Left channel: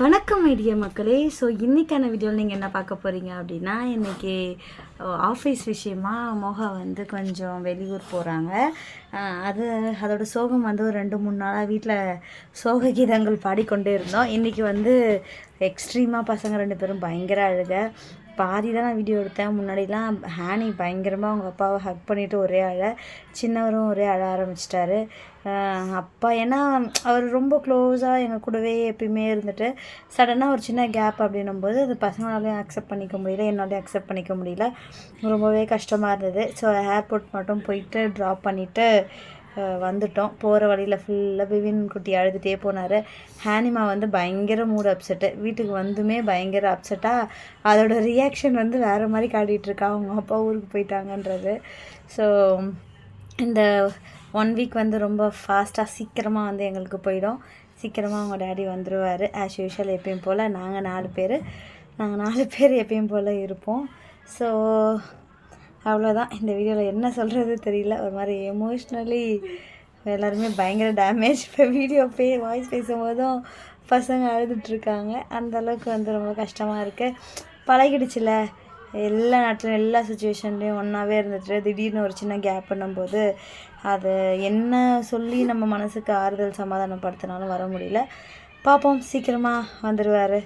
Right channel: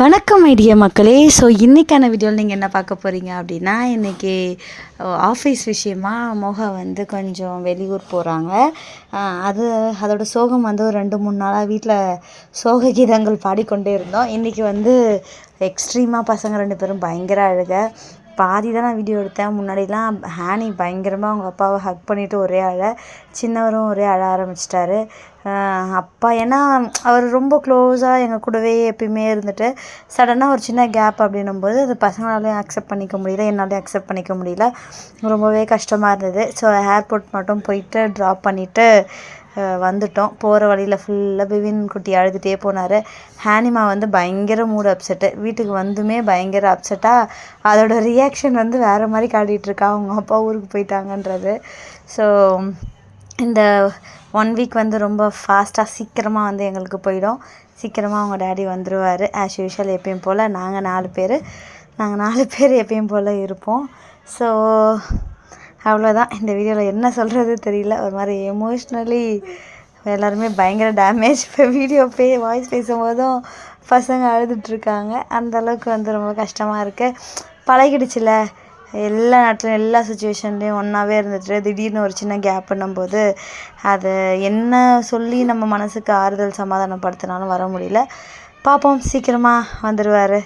வணக்கம் ஐடியா மக்களே. ஸோ இன்றைக்கான வீடியோவில் நீங்கள் என்ன பார்க்க போகிறீங்க அப்படின்னா, இன்றைக்கி ஆஃபீஸ் விஷயமா மோகா வந்து கொஞ்சம் வெளியூர் போகிறாங்க. அதோட சோகம் வந்து ஒரு 2-3 நாளாக வீட்டில் சோக கீதங்கள் பாடிக்கொண்டே இருந்தோம். இன்றைக்கி வந்து எக்ஸ்ட்ரீமாக பசங்க 2 பேரும் பயங்கர அழுக. பாதி தான் நான் வீடியோ எடுத்தேன். முன்னாடிலாம் ஹேனி பயங்கரமாக அவங்க அப்பாவை ஹக் பண்ணிவிட்டு ஒரே சின்னவரும் ஒரே அழ ஆரம்பிச்சிட்டாரு. அப்பா ஏன்னா அவர் ரொம்ப க்ளோஸாக எங்கள் கூடவே எப்பயுமே இருந்துட்டு சடனாக ஒரு சின்ன கேப் அப்படின்னும்போது அது பசங்களாலையும் அக்செப்ட் பண்ணிக்க முடியல, என்னாலையும் அக்செப்ட் பண்ணிக்க முடியல. ரொம்பவே கஷ்டமாக இருந்தது. ஸோ ஏர்போர்ட் மட்டும் போயிட்டு ட்ராப் பண்ணிவிட்டு வந்துட்டோம். போகிற வழியில் ஃபுல்லாக பிவின் குட்டி அழுதுகிட்டே போனார். ஹேனிமா வந்து பயங்கர மூடு அப்செட்டு. வீட்டுக்கு வந்துமே பயங்கர அப்செட்டாக அதோட ரியாக்ஷன் வந்து வேறு மாதிரி காட்டிகிட்ருக்கா, அவங்க அப்பா ஊருக்கு போயிட்டாங்கன்றது. ஸோ இந்த 1 வீக் வந்து ரொம்ப ஃபாஸ்ட்டாக சீக்கிரமாக வந்து எங்களுக்கு போயிடும். சீக்கிரமாக அவங்க டேடி வந்துடுவார். ஆஸ் யூஷுவல் எப்பயும் போல் நாங்கள் 4 பேர் எப்பயும் போல் இருப்போம். ஸோ அவ்வளோதான். இந்த வீடியோவில் என்ன சொல்கிறது தெரியல. ஒரு மாதிரி எமோஷ்னலி எல்லாருமே பயங்கர டேமேஜ். இப்போ வீடியோ வாய்ஸ் பேசும்போதும் பசங்க அழுதுட்ருக்காங்க. அந்தளவுக்கு வந்து ரொம்ப கஷ்டமாக இருக்குது. பழகிடுச்சுல, எல்லா நாட்டிலும் எல்லா சுச்சுவேஷன்லேயும் ஒன்றாவே இருந்துட்டு திடீர்னு ஒரு சின்ன கேப் பண்ணும்போது அது என்ன சொல்லி நம்ம மனசுக்கு ஆறுதல் சமாதானப்படுத்தினாலும் வர முடியல. பார்ப்போம், சீக்கிரமாக வந்துடுவார்.